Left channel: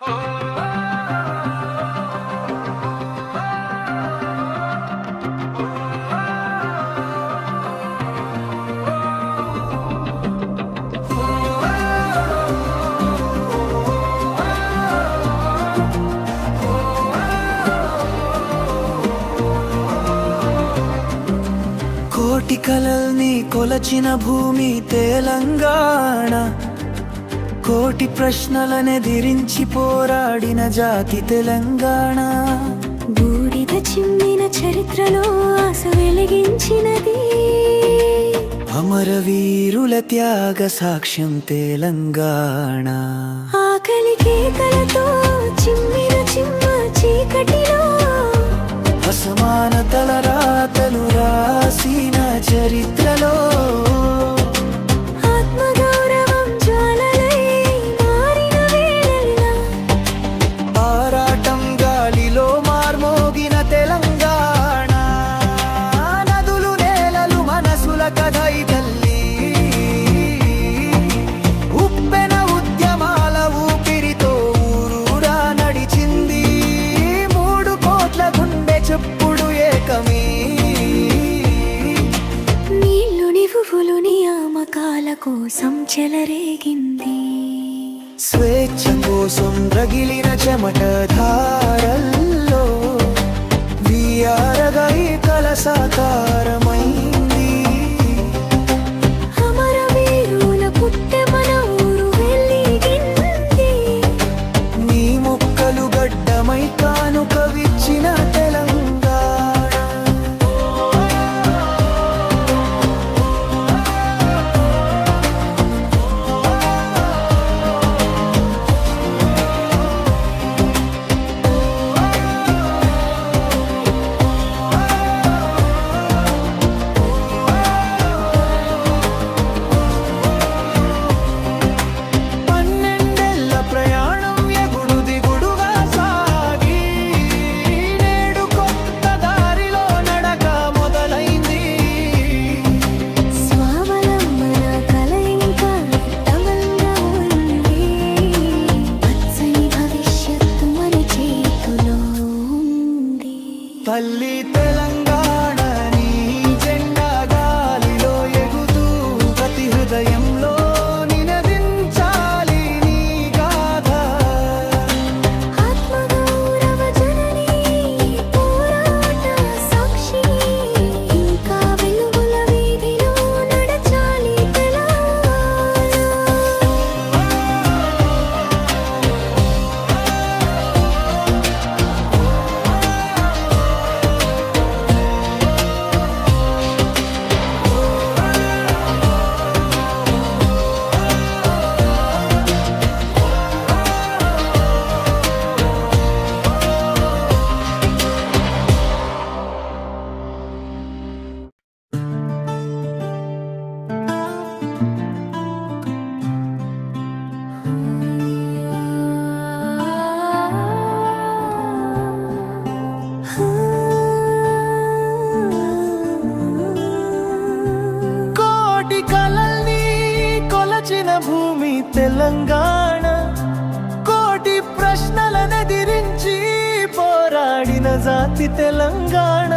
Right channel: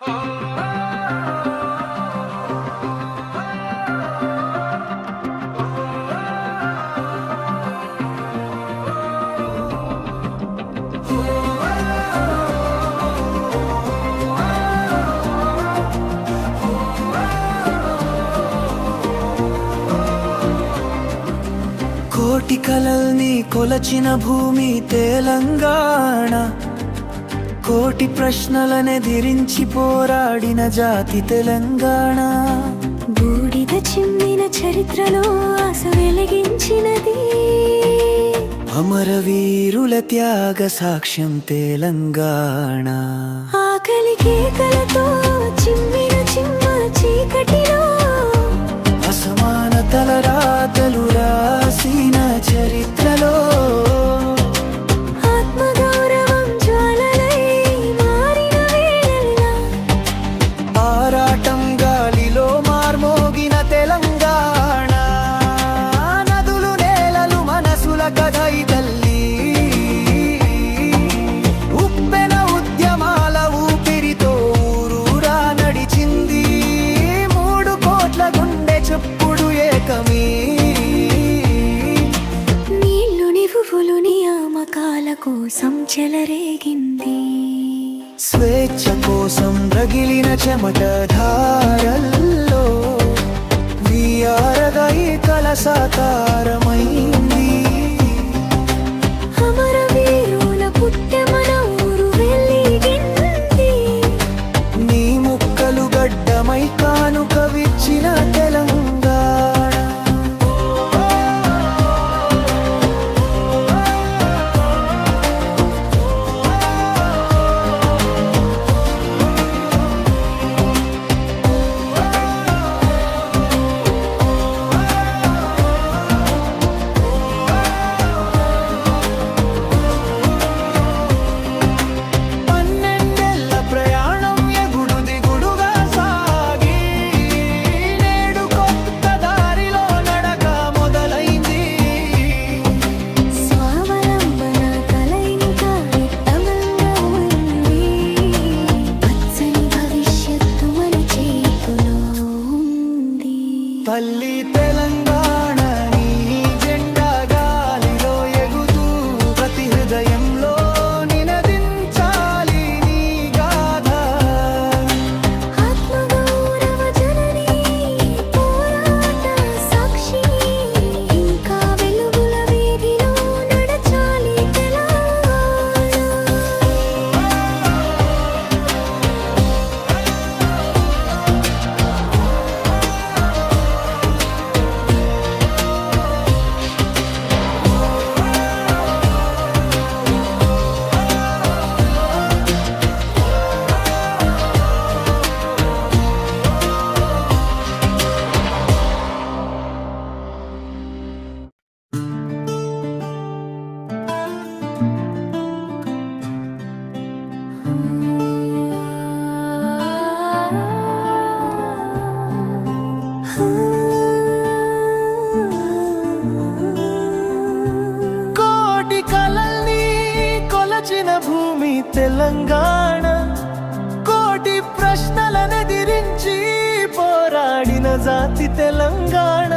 కోటి కలల్ని కొలచిన భూమి తెలంగాణ, కోటి ప్రశ్నలనెదిరించి పోరాడిన జాతి తెలంగాణ. బూడిద చిమ్మిన చరిత్రలో ఆశ వెలిగించినది, అమరవీరుల త్యాగ సాక్ష్యం తెలంగాణ. ఆకలి కేకలతో చిమ్మిన చిమ్మ చీకటిలో అసమానతల రాతలు రాసిన చరిత్రలో ఆత్మగౌరవం జ్వాలలై మారిన వేళలా ఆరాటం గాలిలో మార్మోగిన తెలంగాణ. నదులు నేలలు మనసుల కథై తల్లి, ఉప్పెన ఉద్యమాల ఊపిరితో ఊరూరా నడిచింది. 3 కోట్ల గుండె చెప్పుడు ఏకమీ, నీళ్లు నివువులు నియామకాల కోసం చెలరేగింది. స్వేచ్ఛ కోసం రగిలిన చెమట ధారల్లో వీఆరగా ఈ కల సాకారమైంది. అమరవీరుల పుట్టె మన ఊరు వెలిగింది. నీ ముక్కలు గడ్డమై కానుక విచ్చిన తెలంగాణ. తల్లి తెలంగాణ నీ జెండా గాలిలో ఎగుతూ ప్రతి హృదయంలో నినదించాలి నీ గాథ. ఆత్మగౌరవ జననీ పోరాట సాక్షి, ఇంకా వెలుగుల వీధిలో నడచాలి తెలంగాణ. కోటి కలల్ని కొలచిన భూమి తెలంగాణ, కోటి ప్రశ్నలనెదిరించి పోరాడిన జాతి తెలంగాణ.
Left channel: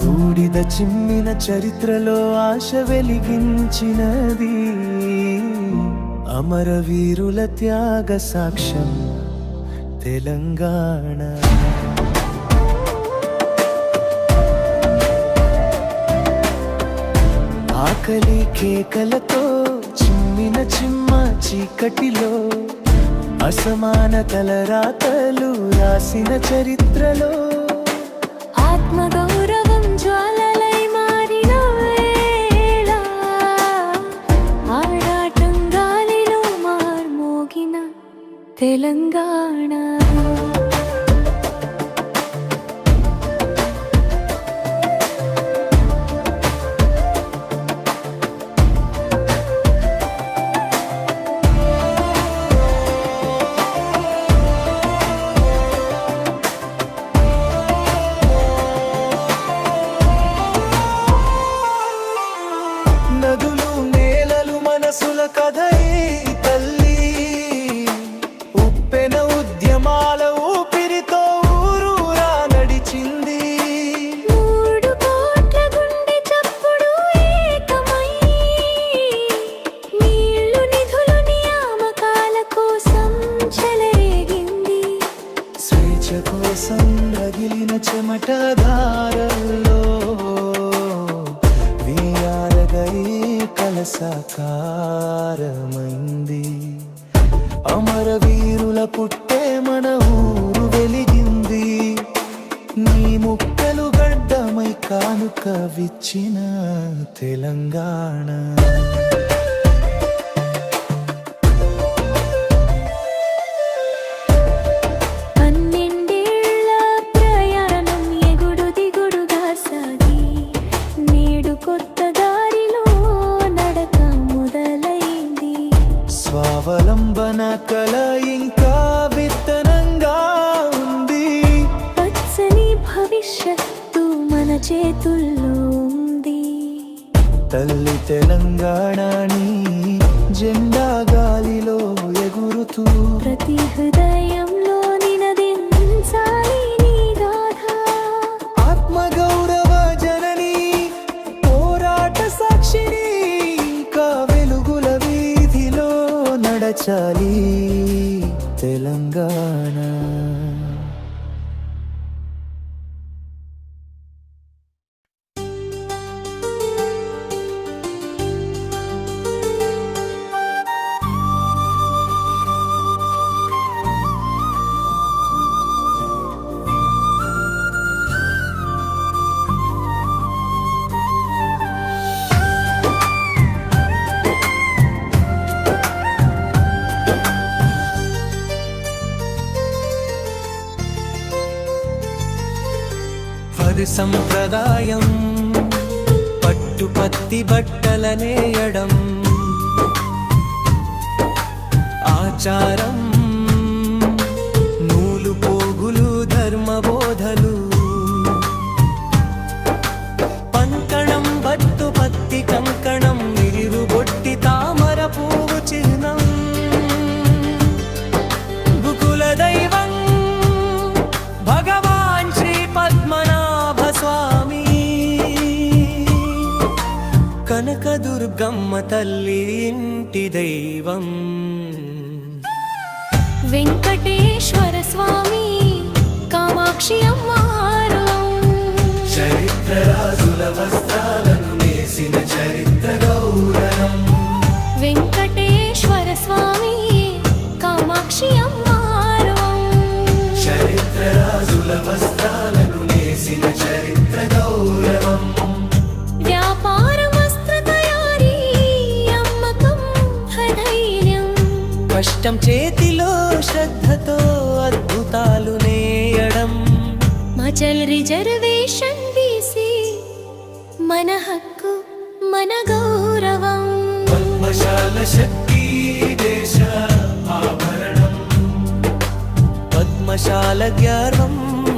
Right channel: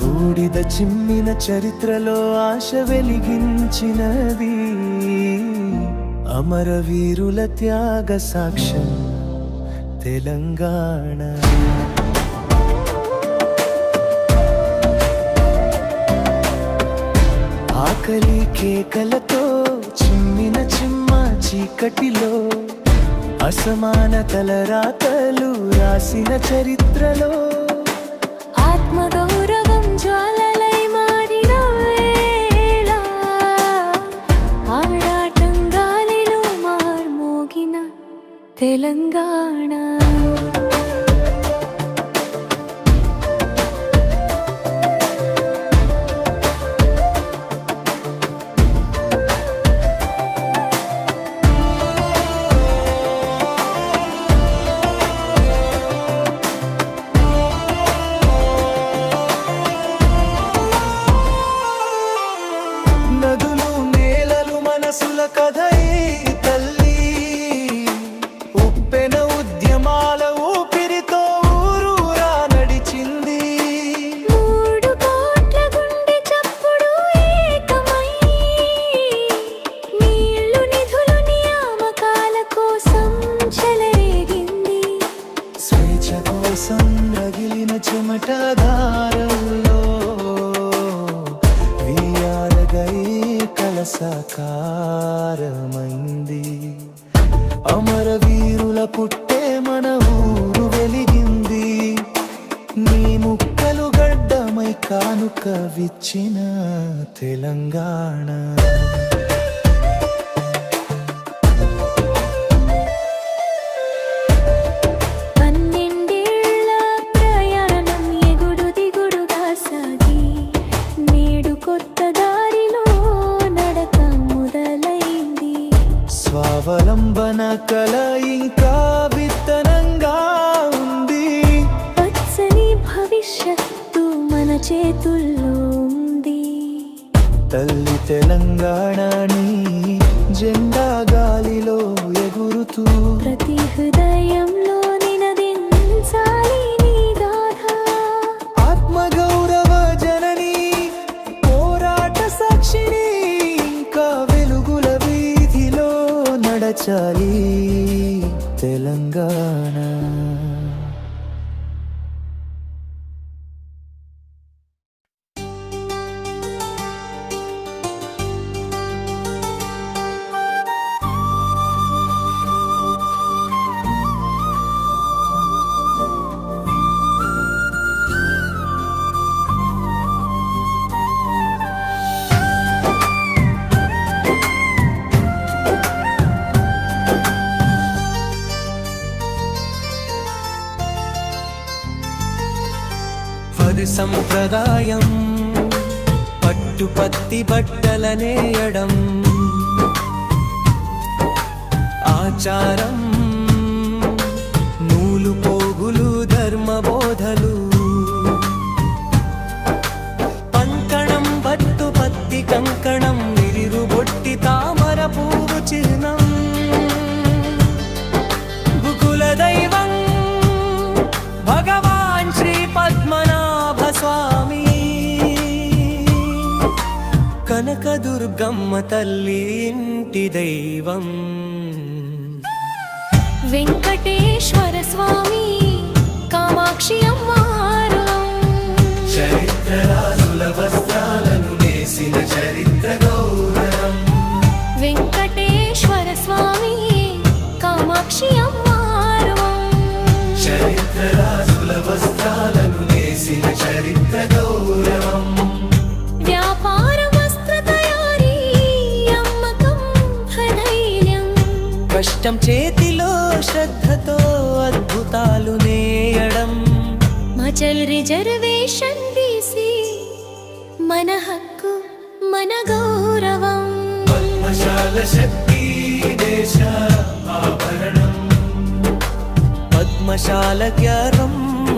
బూడిద చిమ్మిన చరిత్రలో ఆశ వెలిగించినది, అమరవీరుల త్యాగ సాక్ష్యం తెలంగాణ. ఆకలి కేకలతో చిమ్మిన చిమ్మ చీకటిలో అసమానతల రాతలు రాసిన చరిత్రలో ఆత్మగౌరవం జ్వాలలై మారిన వేళ ఆరాటం గాలిలో మార్మోగిన తెలంగాణ. నదులు నేలలు మనసుల కథై తల్లి, ఉప్పెన యువజన ఉద్యమాల ఊపిరితో ఊరూరా నడిచింది. 3 కోట్ల గుండె చప్పుడు ఏకమై నీళ్లు నిధులు నియామకాల కోసం చెలరేగింది. స్వేచ్ఛ కోసం రగిలిన చెమటధారల్లో వియారగై కలసాకారమైంది. అమరవీరుల పుట్టే మన ఊరు వెలిగింది. నీ ముక్కలు గడ్డమై కానుక విచ్చిన తెలంగాణ. 12 ఏళ్ల ప్రయాణం ఎగుడు దిగుడుగా సాగి నేడు కొత్త దారిలో నడక మొదలైంది. స్వావలంబన కల ఇంకా విత్తనంగా ఉంది. పచ్చని భవిష్యత్తు మన చేతుల్లో ఉంది. తల్లి తెలంగాణని జెండా గాలిలో ఎగురుతూ ప్రతి హృదయంలో నినదించాలి నీ గాథ. ఆత్మగౌరవ జనని పోరాట సాక్షిని ఇంకా వెలుగుల వీధిలో నడచాలి తెలంగాణ. పది సంప్రదాయం పట్టుపత్తి బట్టలనేయడం ఆచారం నూలు పోగులు ధర్మబోధలు పంకణం బట్టు పత్తి కంకణం నిరిరు బొట్టి తామర పువ్వు చిహ్నం గుకుల దైవం భగవాన్ శ్రీ పద్మనాభ స్వామి కనకదుర్గమ్మ తల్లి ఇంటి దైవం వెంకటేశ్వర స్వామి కామాక్షి అమ్మారం చరిత్ర రాజుల వస్త్రాలను నేసిన చరిత్ర గౌరవం వెంకటేశ్వర స్వామి కామాక్షి అమ్మారం చరిత్ర రాజుల వస్త్రాలను నేసిన చరిత్ర గౌరవం వ్యాపార వస్త్ర తయారీ అమ్మకం ధైర్యం కష్టం చేతిలో శ్రద్ధతో అద్భుతాలు నేయడం మచల్ రిజర్వేషన్ బీసీ మన హక్కు మన గౌరవం పద్మశాల శక్తి దేశ ఆభరణం పద్మశాల గ్యార్వం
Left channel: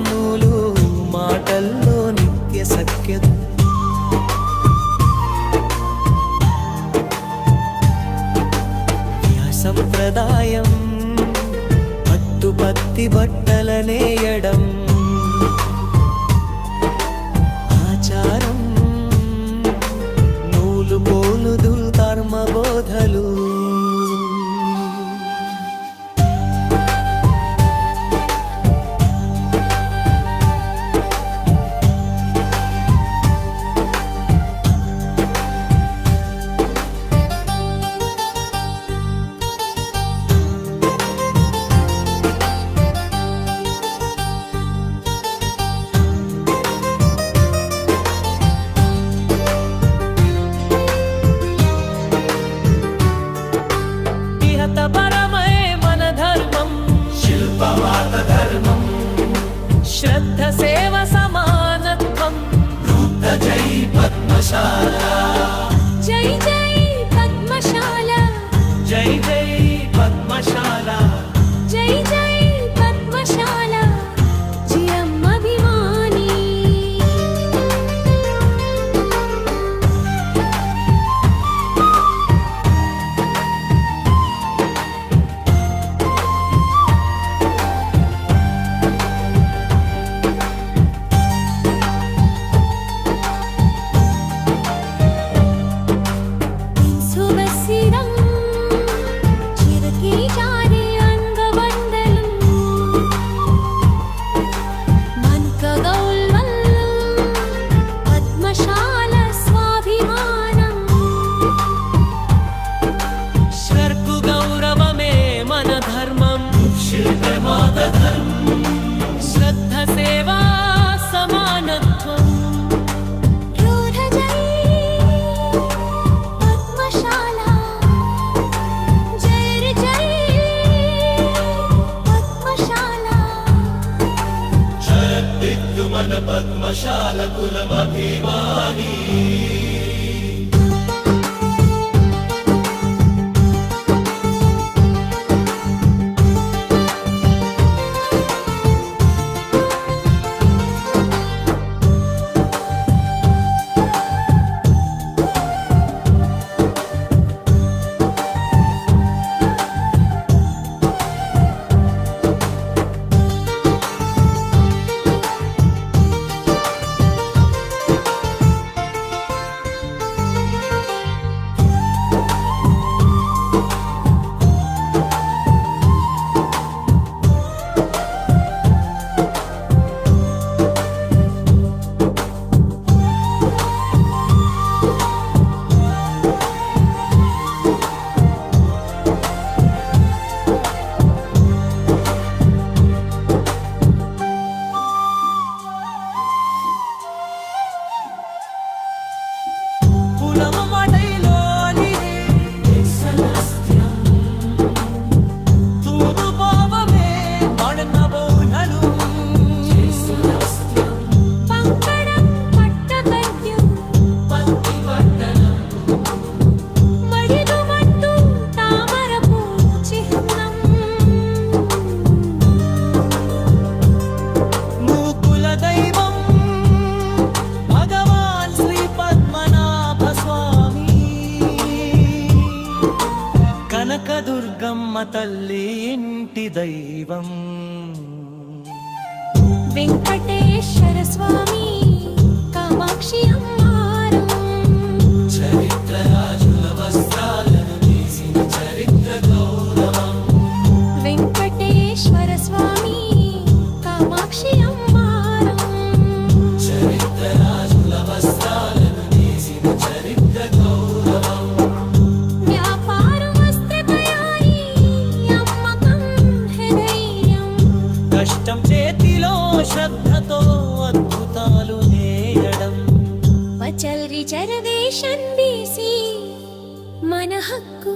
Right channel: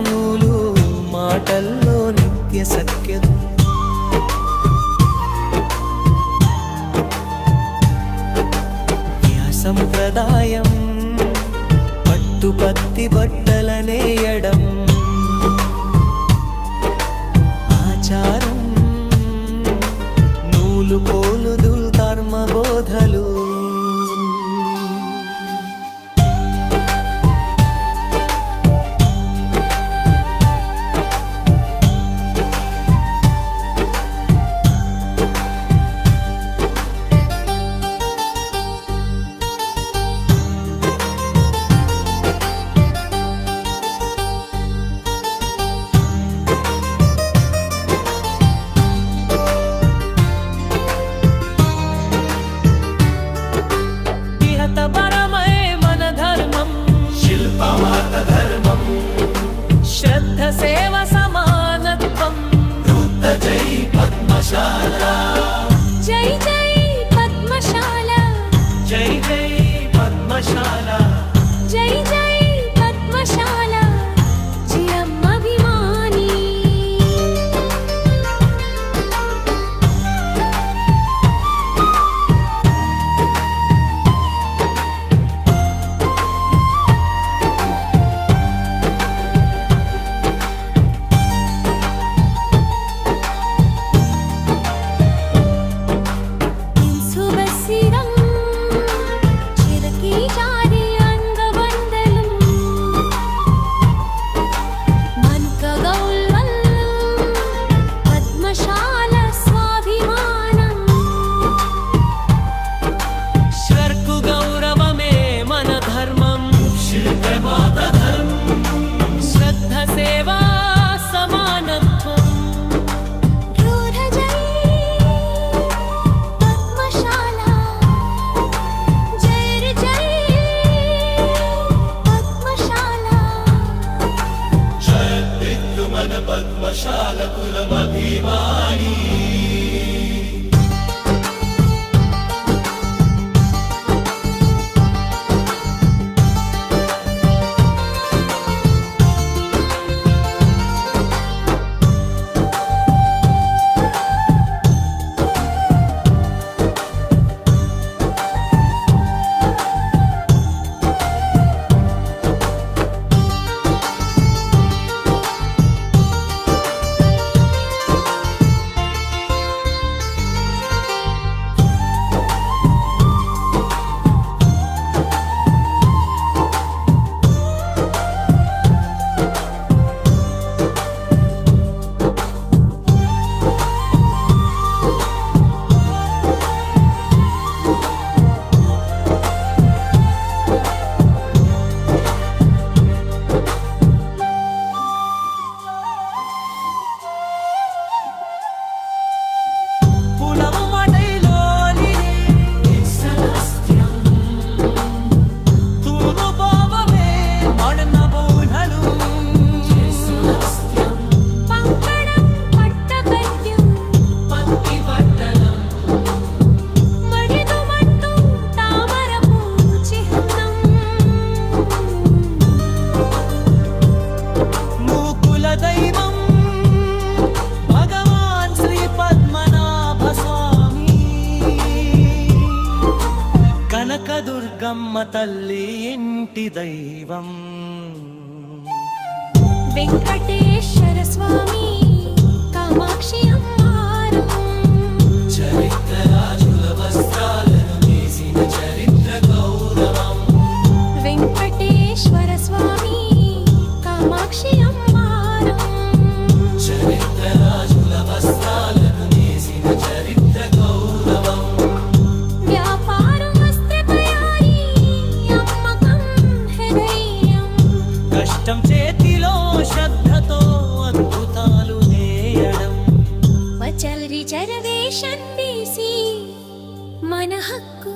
నూలు మాటల్లో నిత్య సఖ్యత సంప్రదాయం పట్టుపత్తి బట్టలనేయడం ఆచారం నూలు పోలుదు కర్మబోధలు शिल्पमात धर्मं श्रद्ध सेव समानत्वं रुद्र जय पद्मशाला जय जय पद्मशाला जय जय पद्मशाला जय जय पद्मशाला जियम अभिमानी शिल्पमात धर्मम् श्रद्ध सेवा समानत्वम् रूढजय पद्मशाला जय जय पद्मशाला शरद्विद्युमन पद्मशाला कुलमभिमानी दैवं भगवान् श्री पद्मनाभ स्वामी कनकदुर्गम्म तल्ली इंटि दैवं वेंकटेश्वर स्वामी कामाक्षि अम्मारु चरित्रराजुल वस्त्राలను నేసిన చరిత్ర గౌరవం वेंकटेश्वर स्वामी कामाक्षि अम्मारु చరిత్రరాజుల వస్త్రాలను నేసిన చరిత్ర గౌరవం వ్యాపార వస్త్ర తయారీ అమ్మకం హృదయం కష్టం చేతిలో శ్రద్ధతో అద్భుతాలు నేయడం వచల్ రిజర్వేషన్ బీసీ మన హక్కు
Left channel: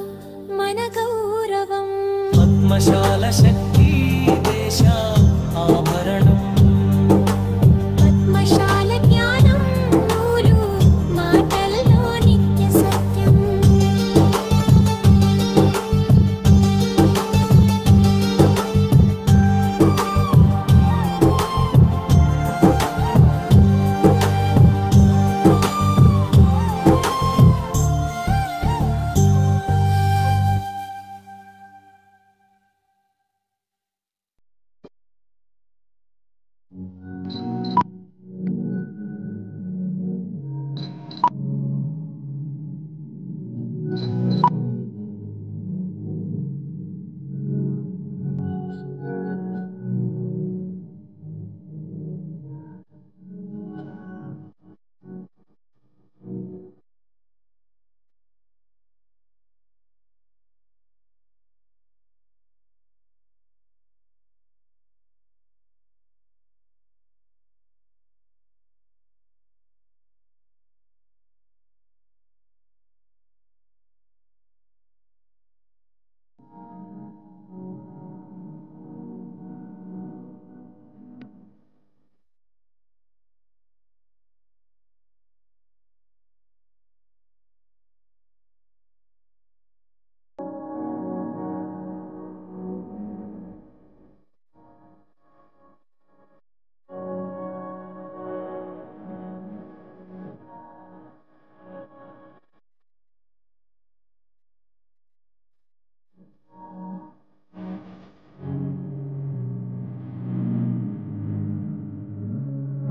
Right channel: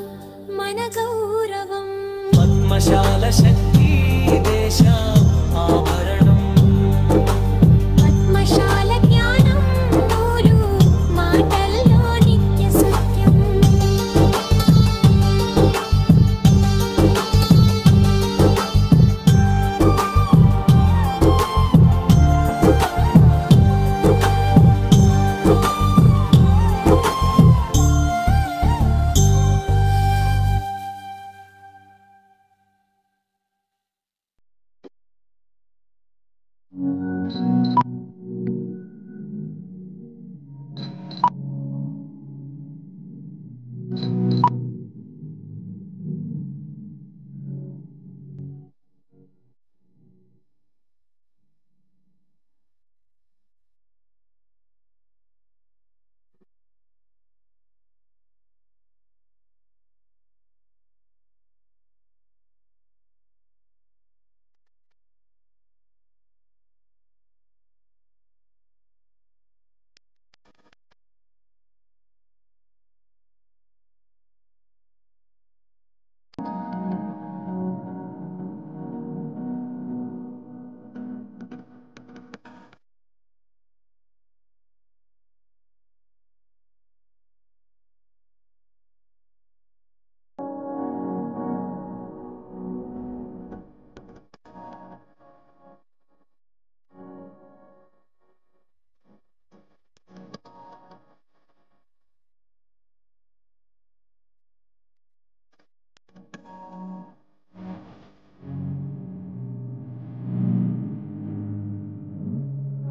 మన గౌరవం పద్మశాల శక్తి దేశ ఆభరణం పద్మశాల జ్ఞానం